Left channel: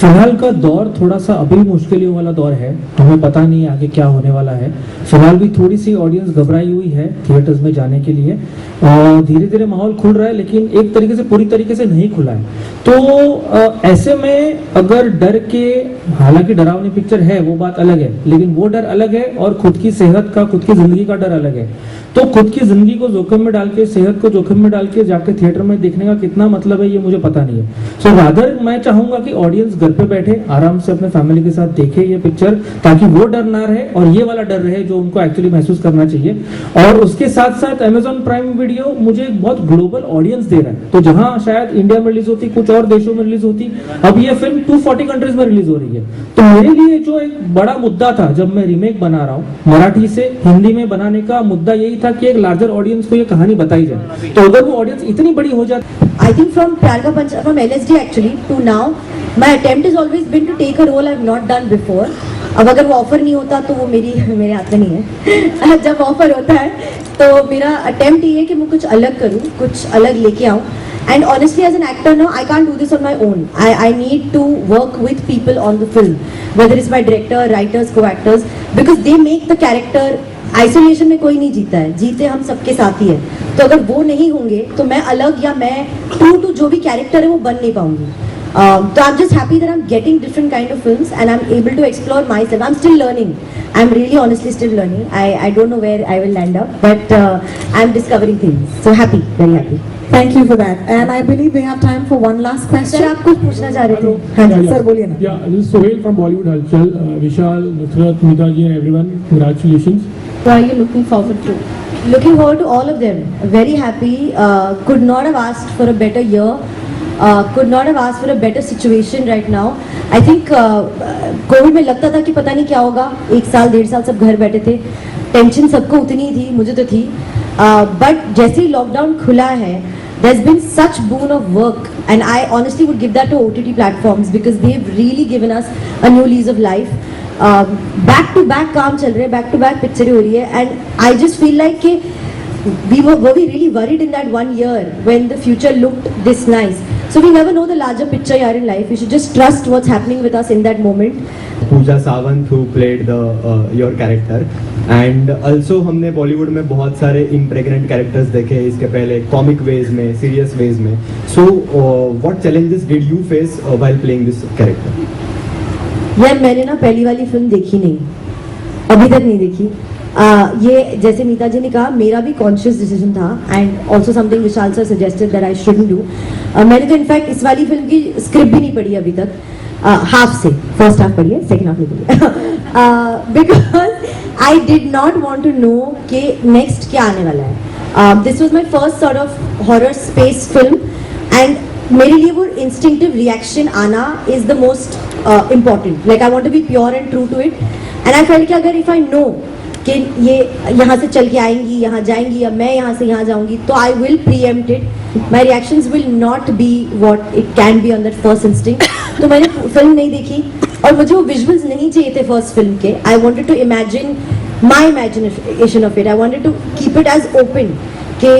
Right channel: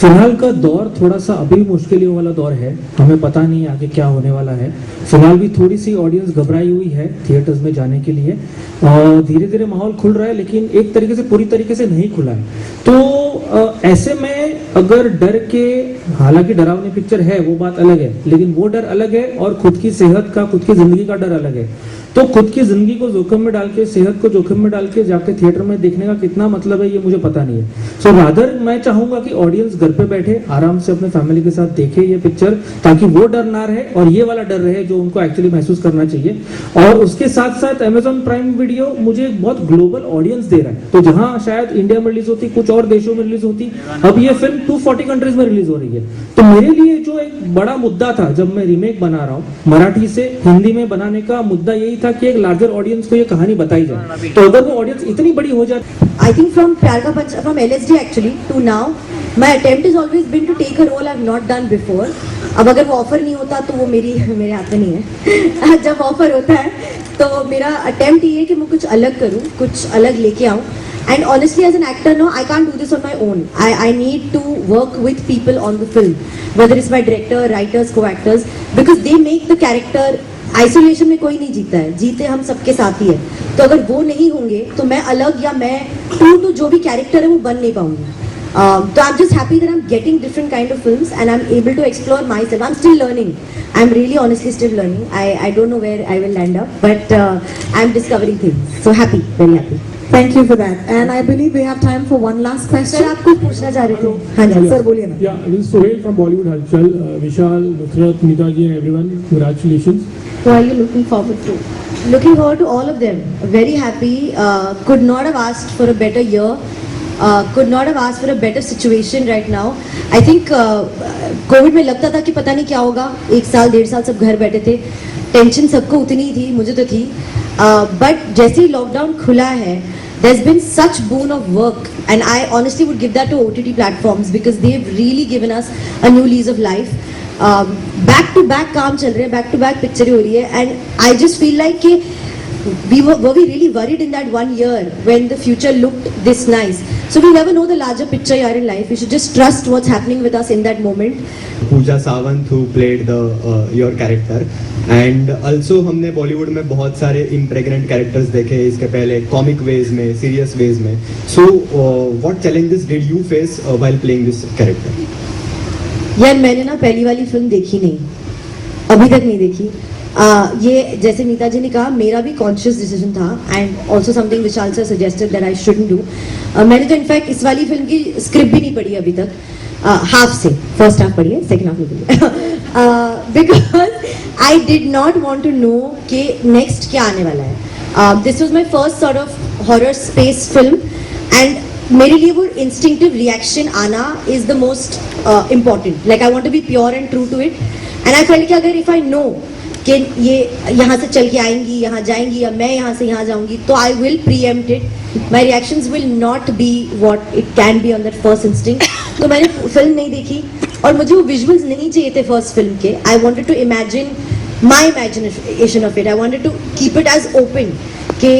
फिलहाल का दौर थोड़ा सा अभी मुश्किलों वाला दौर है, हमें पता नहीं आगे क्या होने वाला है। फिलहाल भी थोड़ी सी ऑडियंस घबराई हुई है थिएटर्स में जाने के लिए। धीरे धीरे माहौल खुल रहा है, लेकिन एक तरीके से पूरी तरीके से नहीं खुला है। तो ऐसे में अगर डर के, हालांकि डरावनी पिक्चर है वो बात अलग है, लेकिन वो डर अलग है और खुद की सेहत का, खुद की जिंदगी का डर अलग है। तो खुद की जिंदगी को जोखिम में डाल के, सेहत को जोखिम में डाल के जाके थिएटर में देखने का कितना मतलब है ये मुझे पता नहीं है। सो रादर मैं चाहूंगा कि ऑडियंस घर पे बैठे आराम से अपने फैमिली के साथ देखे ये पिक्चर, ताकि वो डर ना रहे और ये वाला डर रहे जो उनको एक्चुअली महसूस करना चाहिए। और उसके साथ साथ Amazon प्राइम वीडियो मुझे एक बहुत ग्लोबल ऑडियंस दे रहा है। तो जहां शायद इंडिया में रिलीज होती, कुछ और देशों में रिलीज होती, अब ये फिल्म 240 कंट्रीज में रिलीज हो रही है। तो मेरे लिए जो एक बड़ा मुद्दा था जब मैं रीमेक बना रहा हूँ मराठी से हिंदी में बनाने का, मुद्दा यही था कि एक लार्जर ऑडियंस को ये कहानी बताई जाए। तो अगर वो ऑडियंस इतनी बड़ी हो जाती, I think from प्यार का पंच, from LSD actually to now, my attempt has always been to take a role I've not done before. अब अगर वो ऑफर नहीं होता तो वो मेरे हाथ में नहीं है। जब ऑफर होता है तो मेरा अटेम्प्ट ये है कि मैं कुछ अलग करूँ, कुछ अलग लेके आऊँ। And honestly, as an actor, no, I can't do this on my own. I need to work with people on the film, whether it's my director, writers, co-actors, because they make the character. Isolation में कोई नहीं जीता है, जीते हम सबके साथ ही है। तो अगर वो नहीं होंगे तो मैं अलग, या मैं टू जो भी कैरेक्टर है वो बन नहीं पाऊंगी। So I'm just happy that I'm getting different kind of films and I'm able to explore myself. I'm still learning. I'm really honestly still learning. I don't know where I will land up, but I'm discovering things. So happy, very happy. Thank you for that. And I believe we have time for one last question. Sir आप कुछ पूछना चाह रहे थे? हाँ जी सर बोलिए ना। Yeah, this is Sohail from Bollywood Halchal. Vishal, Nusrat, Mitaji and everyone, congratulations. What are you looking forward to? Looking forward to all of them. Very happy. Could not have asked for a better year. Could not have asked for a better situation right now. I think Covid में लगता था कि पता नहीं क्या होगा, 1 साल 1.5 साल सब घर बैठे थे, टेंशन सबको उतनी थी, मुझे तो थी। बट जैसे ही लॉकडाउन खुला है, there's been such boon of work and I honestly would give that to OTT platforms because they've really given us a new lease of life. Back to back काम चल रहे हैं, बैक टू बैक पिक्चरें हो रही है, and I just feel like कि we were really worried in that 1 year when the future looked this nice. So we never know the larger picture yaar in life. We should just trust what's happening with us in that moment. Pooja Sawant who played the your character, and also हमने बॉलीवुड में बहुत सारे impregnant characters देखे इसके पहले, comic ways में, serious ways में. So what challenges did you face while playing this character? यार मैंने ना पहली वाली फिल्म देखी नहीं, अभी तक नहीं देखी। ये जैसे नीता जी ने कहा, मेरा भी कॉन्शियस डिसीजन था and also something Vishal sir suggested that I shouldn't do. मैंने तो इनफैक्ट इस वाली फिल्म की स्क्रिप्ट भी नहीं पढ़ी अभी तक, हाफ से, फर्स्ट हाफ पढ़ी है, सेकेंड हाफ नहीं पढ़ी, because I did not want to know कि नेक्स्ट क्या आने वाला है। This was my first sort of horror space film and मेरे लिए वो इंस्टिंक्टिव रिएक्शन आना is the most important. Like I want to be pure and true to it and I felt कि अगर इफ आई नो कि ये यहाँ से चल के आएंगी, यहाँ जाएंगी, या मैं यहाँ से यहाँ जाऊंगी, तो I will pre-empt it. My reactions will not be what it can be on that first instinct. तो मैंने फिल्म नहीं देखी और मुझे वो विजुअल्स नहीं चाहिए थे फर्स्ट फिल्म के। I wanted to imagine my imagination of it, I wanted to keep it as open कि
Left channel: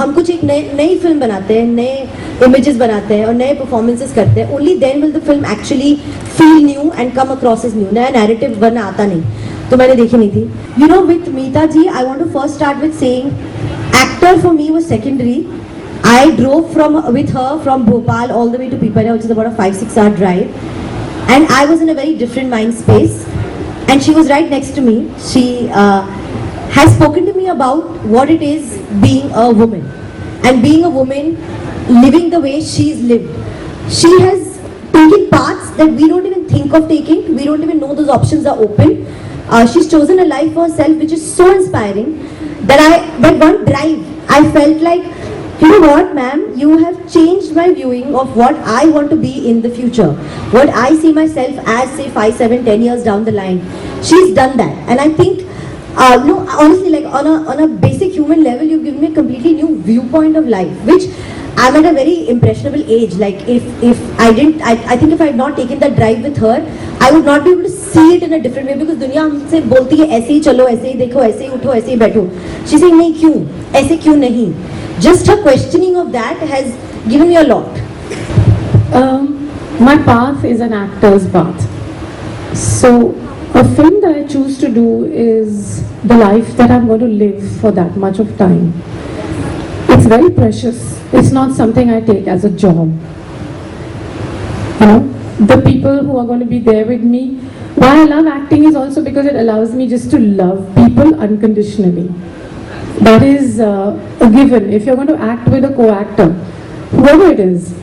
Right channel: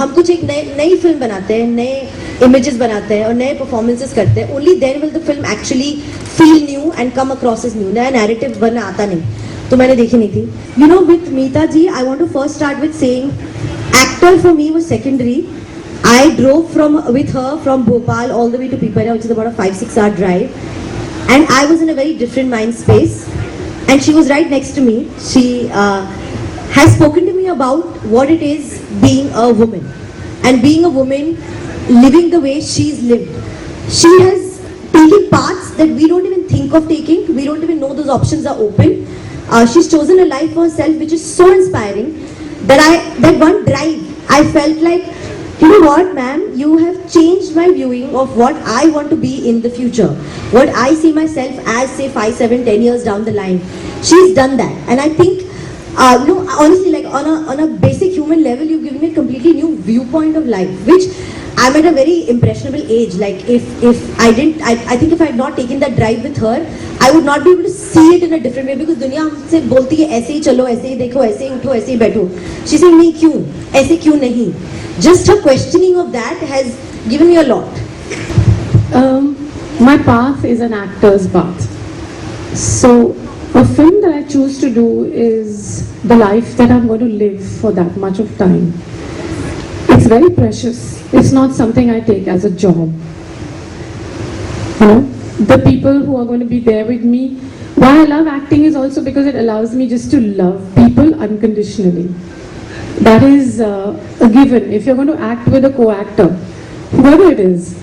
हम कुछ एक नई फिल्म बनाते हैं, नए इमेजेस बनाते हैं और नए परफॉर्मेंसेस करते हैं। Only then will the film actually feel new and come across as new. नया नैरेटिव वरना आता नहीं, तो मैंने देखी नहीं थी। You know with Meeta ji, I want to first start with saying actor for me was secondary. I drove with her from Bhopal all the way to Pipania, which is about a 5-6 hour drive, and I was in a very different mind space and she was right next to me. She has spoken to me about what it is being a woman and being a woman living the way she's lived. She has taken paths that we don't even think of taking. We don't even know those options are open. She's chosen a life for herself which is so inspiring that one drive I felt like, you know what, ma'am, you have changed my viewing of what I want to be in the future, what I see myself as, say 5, 7, 10 years down the line. She's done that, and I think no, honestly, like on a basic human level, you've given me a completely new viewpoint of life, which I'm at a very impressionable age. Like if I didn't, I think if I had not taken that drive with her, I would not be able to see it in a different way, because दुनिया हमसे बोलती है ऐसे ही चलो, ऐसे ही देखो, ऐसे ही उठो, ऐसे ही बैठो। She's saying नहीं, क्यों ऐसे, क्यों नहीं? Just her questioning of that has given me a lot. my path is an actor's path. So a film that I choose to do is the life that I'm going to live for that much of time. It's very precious. It's not something I take as a job. You know, the people who are going to be there with me. Why I love acting is also because it allows me just to love people unconditionally. That is a given. If you're going to act with a co-actor, whoever it is,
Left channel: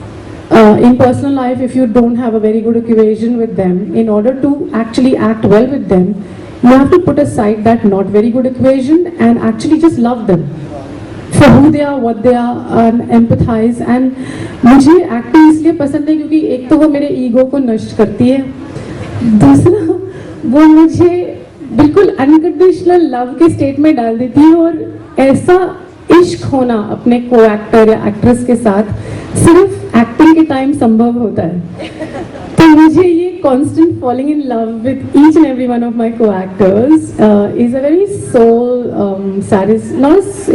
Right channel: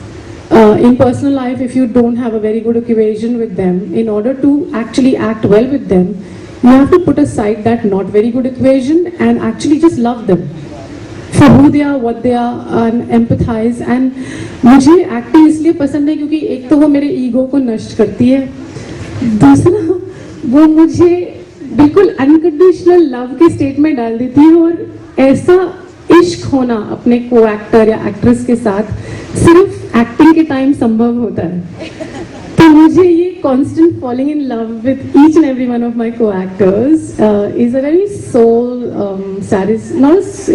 in personal life, if you don't have a very good equation with them, in order to actually act well with them, you have to put aside that not very good equation and actually just love them for who they are, what they are, and empathize. And मुझे एक्टिंग इसलिए पसंद है क्योंकि एक तो वो मेरे ईगो को नष्ट करती है, दूसरा वो मुझे बिल्कुल अनकंडीशनल लव के स्टेट में डाल देती है, और ऐसा इश्क होना अपने को एक्टर या एक्ट्रेस के साथ सिर्फ एक्टिंग के टाइम संभव होता है. तो मुझे ये constant falling in love with each and every one of my co-actors is a very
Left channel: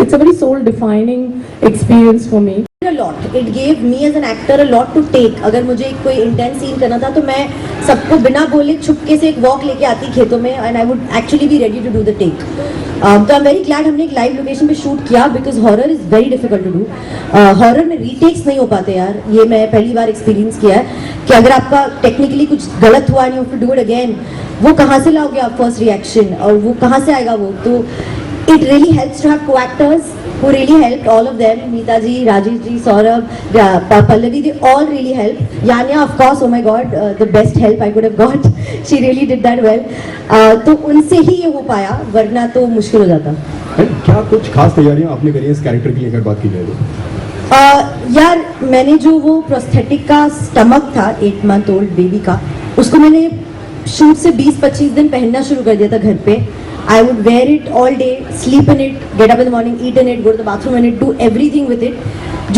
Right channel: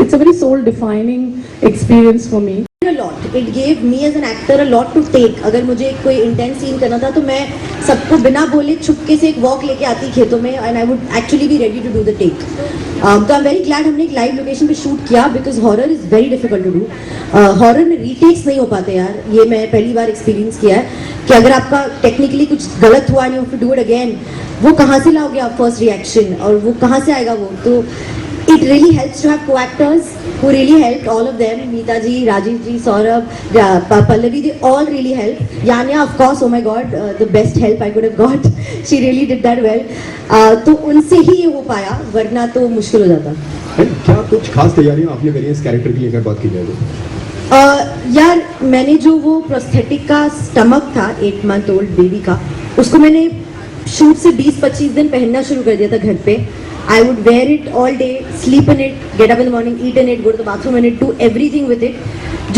it's a very soul defining experience for me. A lot. It gave me as an actor a lot to take. अगर मुझे कोई intense scene करना था तो मैं सबको बिना बोले छुपके से एक वॉक लेके आती खेतों में, and I would actually be ready to do the take. तो I'm very glad हमने एक लाइव लोकेशन पे शूट किया because horror is very difficult to do. Horror में रीटेक्स नहीं हो पाते यार, ये मैं पहली बार एक्सपीरियंस किया है कि अगर आपका टेक्निकली कुछ गलत हुआ नहीं, टू डू इट अगेन, वो कहाँ से लाओगे आप फर्स्ट रिएक्शन, और वो कहाँ से आएगा वो. तो it really helps to have co-actors who really helped, all of them, Meeta ji, Rajiv ji, Saurabh, Pallavi, they all really helped. Yanya, of course, oh my god, the best help I could have got. She really did that well. तो उनसे ही ये हो पाया, वरना तो मुश्किल हो जाता. क्या कुछ खास तैयारियां आपने करी इस कैरेक्टर की अगर बात की जाए तो? यार मैंने जो वो प्रोस्थेटिक का स्टमक था 8 month old बेबी का, उसको मैंने शूट से 20-25 दिन पहनना शुरू कर दिया था घर पे. I would wear it all day, sleep in it, get up in the morning, eat in it, go to the bathroom in it, do everything with it,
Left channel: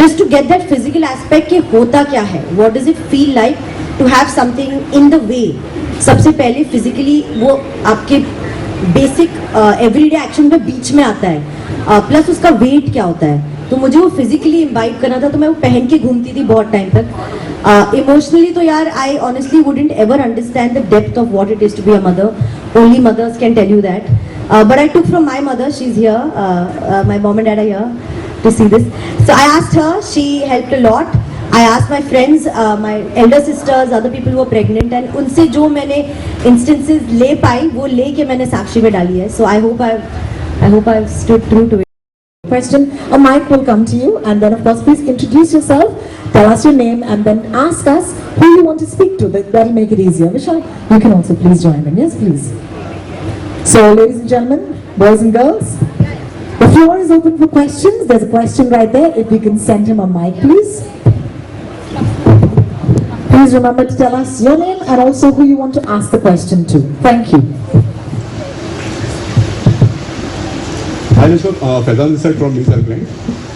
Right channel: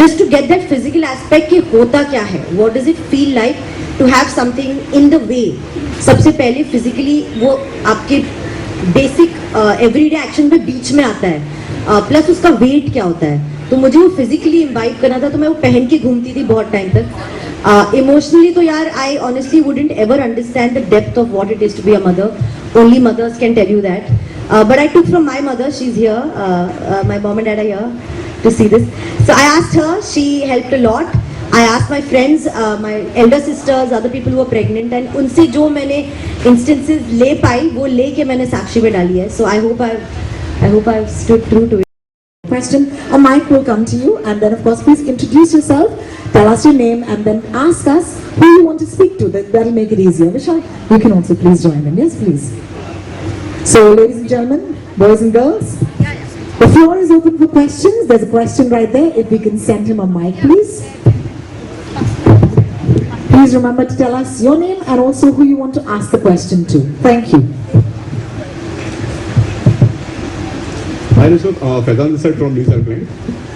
just to get that physical aspect कि होता क्या है, what does it feel like to have something in the way. सबसे पहले physically वो आपके basic everyday action के बीच में आता है, plus उसका weight क्या होता है. तो मुझे वो physically imbibe करना था, तो मैं वो पहन के घूमती थी बहुत टाइम तक. Emotionally तो यार I honestly wouldn't ever understand the depth of what it is to be a mother. Only mothers can tell you that. But I took from my mother, she's here, my mom and dad are here to see this. So I asked her, she helped a lot. I asked my friends, my elder sisters, other people who were pregnant, and उनसे जो मैंने instances ले पाई वो ले के मैंने साक्षी में डाली है. So I hope I've stood true to it. Question, a mic will come to you, and then of course please introduce yourself, tell us your name, and then ask us who you want to speak to. That'll make it easier. Vishal, you can also please join in. Yes, please. So ladies and gentlemen, boys and girls, the floor is open for questions. There's a question right there. If we can send him a mic, please. Please remember to tell us your name and also who you want to ask the question to. Thank you. Hi दोस्तों, Faizan sir from news circle.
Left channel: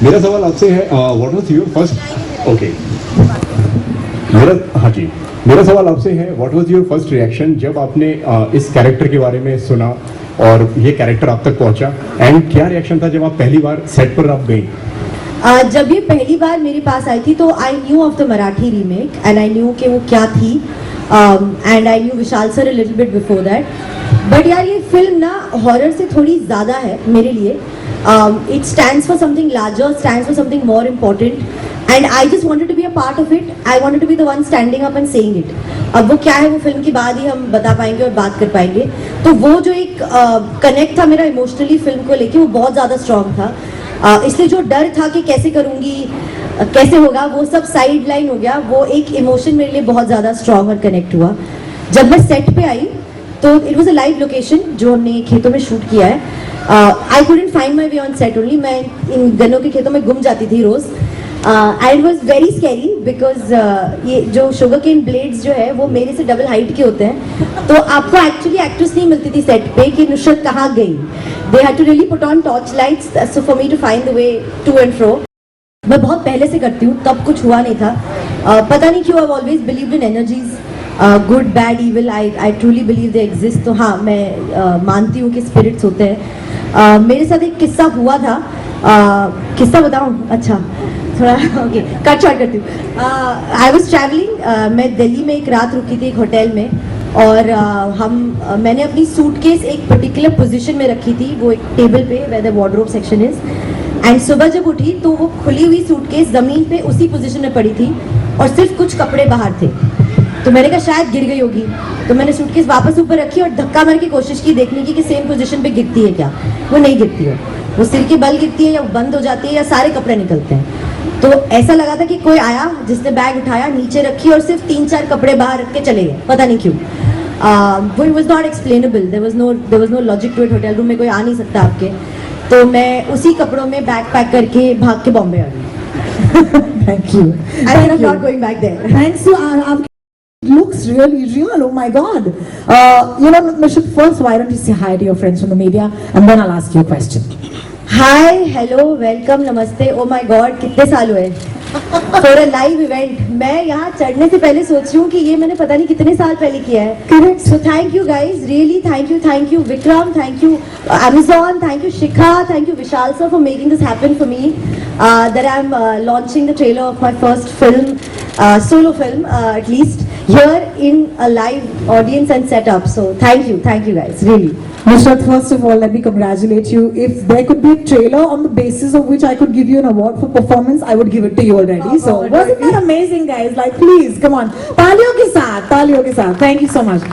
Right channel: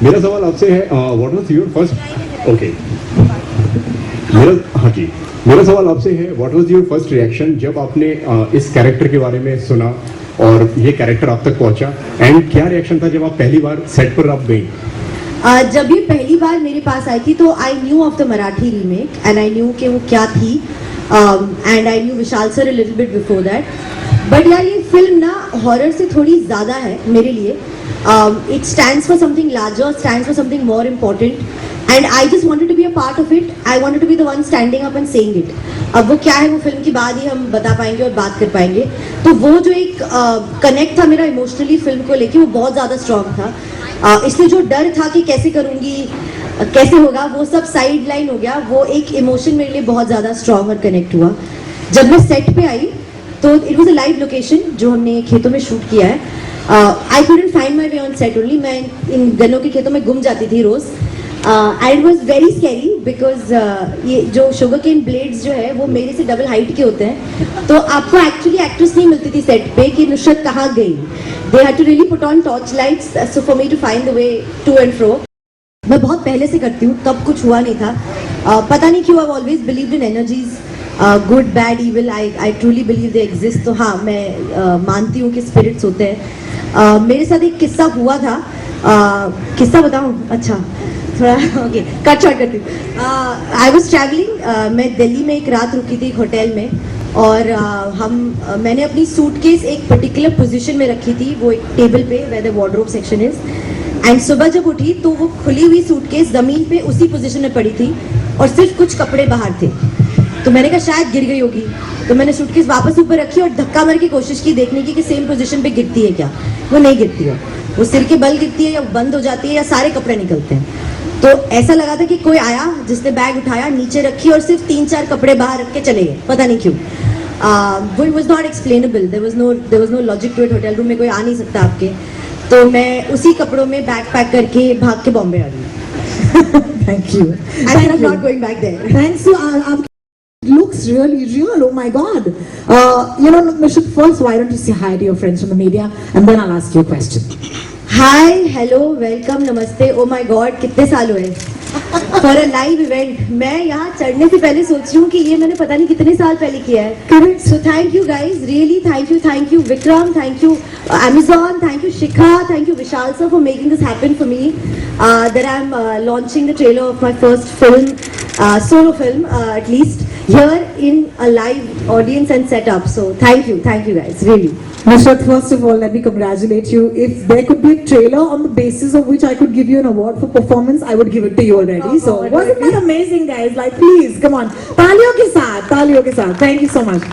मेरा सवाल आपसे है, what was your first okay मेरा सवाल आपसे है, what was your first reaction जब आपने इस कैरेक्टर के बारे में सुना और ये कैरेक्टर आप तक पहुंचा, एंड क्या रिएक्शन था जब आप पहली बार सेट पर आप गई? जब ये पहली बार मेरे पास आई थी तो I knew of the Marathi remake and I knew कि वो क्या थी, and I knew Vishal sir a little bit before that. But यार ये फिल्म ना हॉरर से थोड़ी ज़्यादा है मेरे लिए. It stands for something larger, stands for something more important, and I just wanted to be a part of it. I wanted to be the one standing up and saying it. अब वो क्या है वो फिल्म के बाद ही हम बता पाएंगे और बात कर पाएंगे. तो वो जो एक कनेक्ट था मेरा इमोशनली फिल्म को लेके, वो बहुत ज़्यादा स्ट्रॉन्ग था. इसलिए जो डर था कि कैसे करूँगी, कैसे होगा, वो सब साइड लाइन हो गया. वो एक इमोशन मेरे लिए बहुत ज़्यादा स्ट्रॉन्ग और कनेक्ट हुआ. जब मैं सेट पे आई तो it was a live location जो हमने खेतों में शूट किया है. I couldn't find my way on set only. मैं इन गन्नों के खेतों में गुम जाती थी रोज. And it was very scary because ये जो शुगर केन ब्लेड्स जो है वो मेरे से डबल हाइट के होते हैं. तो आपको एक्चुअली एक्ट्रेस नहीं मिलती थी सेट पे कि नुसरत कहाँ गई. They had to really put on torch lights so for me to find the way to and fro. मैं बहुत पहले से करती हूँ, तब कुछ हुआ नहीं था. पता नहीं क्यों, I always believe in energies, good bad evil. I truly believe they exist. तो हाँ, मैं मानती हूँ कि स्पिरिट्स होते हैं. मेरे साथ एक किस्सा हुआ था. किस्सा बताऊँ? अच्छा, थोड़ा ओके कट शॉर्ट करती हूँ. आई वॉज ट्रैवलिंग, मैं दिल्ली में एक रात रुकी थी एक होटल में, और मैंने अपनी सूटकेस एक पर्टिकुलर पोजीशन में रखी थी, वो एक टेबल पे where the wardrobe section is. एंड सुबह जब उठी तो वो खुली हुई सूटकेस जमीन पे उसी पोजीशन में पड़ी थी और सिर्फ कुछ कपड़े बाहर थे. तो मैंने कहा शायद गिर गई होगी, तो मैंने सूटकेस वापस ऊपर रखी और धक्का मार की कोशिश की देखने की कि सेम पोजीशन पे गिरती है क्या. वो नहीं गिरती है, वो सिर के बल गिरती है या बंद हो जाती है या सारे कपड़े निकलते हैं. तो ऐसा लगा था कि कोई आया जिसने बैग उठाया, नीचे रखी और सिर्फ 3-4 कपड़े बाहर रख के चले गए, पता नहीं क्यों. वो it was not explainable, there was no logic to it. Hotel room में कोई आ नहीं सकता आपके. तो मैं उसी कपड़ों में बैग पैक करके भाग के बॉम्बे आ गई. Thank you. I am not going back there. Thanks you. Looks really real. Oh my God. Nishad, first, why don't you say hi to your friends from the media, and then I'll ask you a question. Hi, hello, welcome, नमस्ते. Oh my God, कितने साल हुए for a live event. मैं यहाँ चढ़ने से पहले सोच रही हूँ कि ये मैंने पता नहीं कितने साल पहले किया है. Correct. So thank you guys, really thank you Vikram, thank you Amazon, thank you Shikha, thank you Vishal sir for making this happen for me. That I'm launching the trailer of my first film, solo film, at least here in a live audience and setup. So thank you guys, really. Nishad, first of all, let me congratulate you. If there could be a trailer on the basis of which I could give you an award for performance, I would give it to you already. So wasn't that amazing, guys? Like, please, come on. Taaliyon ke saath. Thank you so much.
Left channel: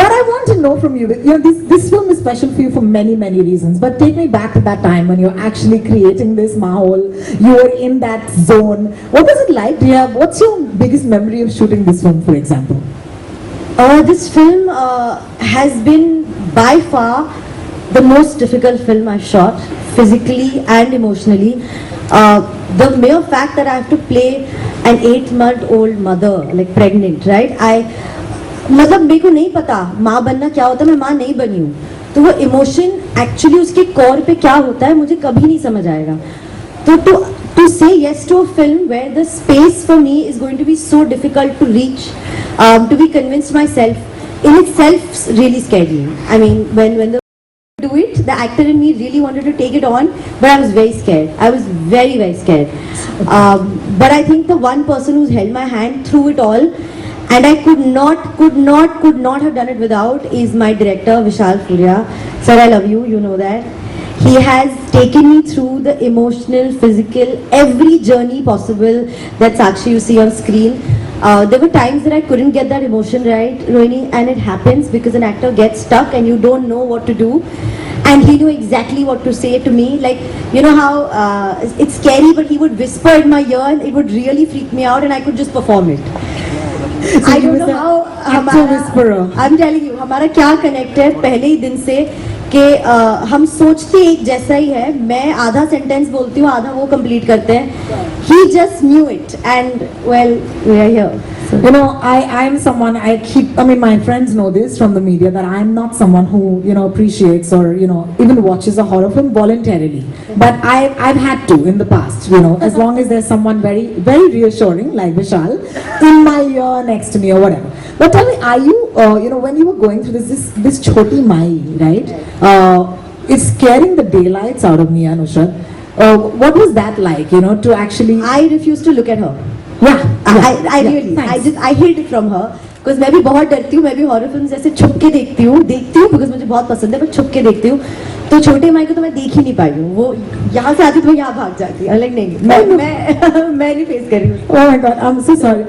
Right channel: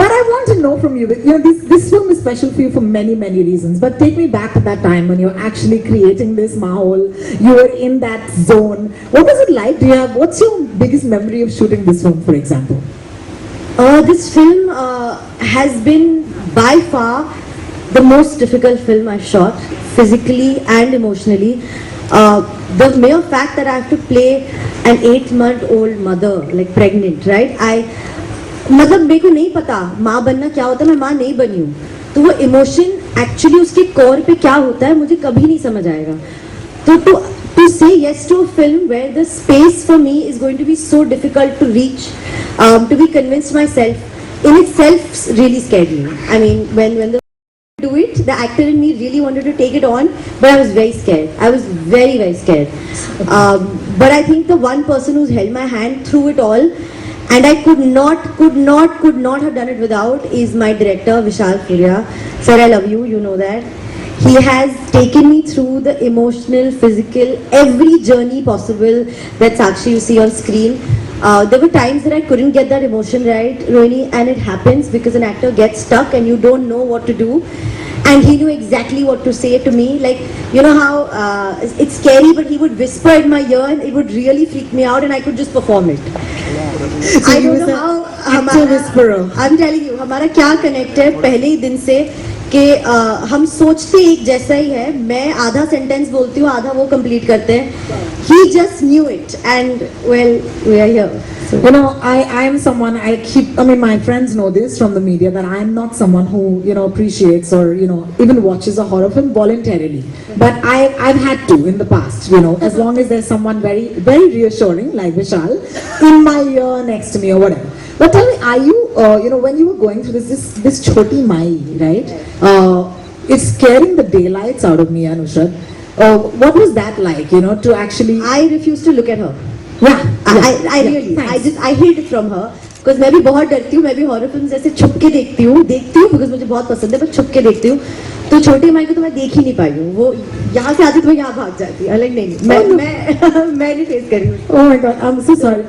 But I want to know from you, this film is special for you for many reasons. But take me back to that time when you're actually creating this mahal. You were in that zone. What was it like? What's your biggest memory of shooting this film, for example? This film has been by far the most difficult film I've shot, physically and emotionally. The mere fact that I have to play an 8-month-old mother, like pregnant, right? मतलब मेरे को नहीं पता माँ बनना क्या होता है, मैं माँ नहीं बनी हूँ, तो वो इमोशन एक्चुअली उसके कोर पे क्या होता है मुझे कभी नहीं समझ आएगा. तो to say yes to a film where the space for me is going to be so difficult to reach, to be convinced myself in itself really scared me. I mean, when the do it, the actor in me really wanted to take it on, but I was very scared. I was very scared. But I think the one person who's held my hand through it all, and I could not have done it without, is my director Vishal Furia. Sir, I love you. You know that. He has taken me through the emotional, physical, every journey possible that Sakshi you see on screen. There were times that I couldn't get that emotion right, Rohini, and it happens because an actor gets stuck and you don't know what to do. And he knew exactly what to say to me. Like, you know how it's scary, but he would whisper in my ear and it would really freak me out and I could just perform it. So I he don't was know an how actor whisperer. I'm telling you, हमारा क्या कनेक्ट है पहले ही दिन से कि हम सोचते एक जैसा ही है. मैं आधा सेंटेंस बोलती हूँ, आधा वो कंप्लीट करते हैं. He just knew it, and well, we are here. I'm someone, my friends know this from the media, that I'm not someone who, appreciates or, even watches a horror film voluntarily. But I've had to in the past, as long as there's someone very, very reassuring, like Vishal, in my ear, next to me or whatever. But tell me, are you, when you were going through this Choti Mai, right? It's scaring the daylights out of me, Anushad. What was that like, to actually... I refused to look at her. Yeah, I really, I hid from her. Because मैं भी बहुत डरती हूँ, मैं भी horror films ऐसे छुप के देखती हूँ because मुझे बहुत पसंद है, पर छुप के देखती हूँ. तो छोटे माई को तो मैं देख ही नहीं पाई हूँ. वो यहाँ से आती तो यहाँ भाग जाती. अलग नहीं, मैं नहीं फेस कर रही हूँ. Oh my God, I'm so sorry.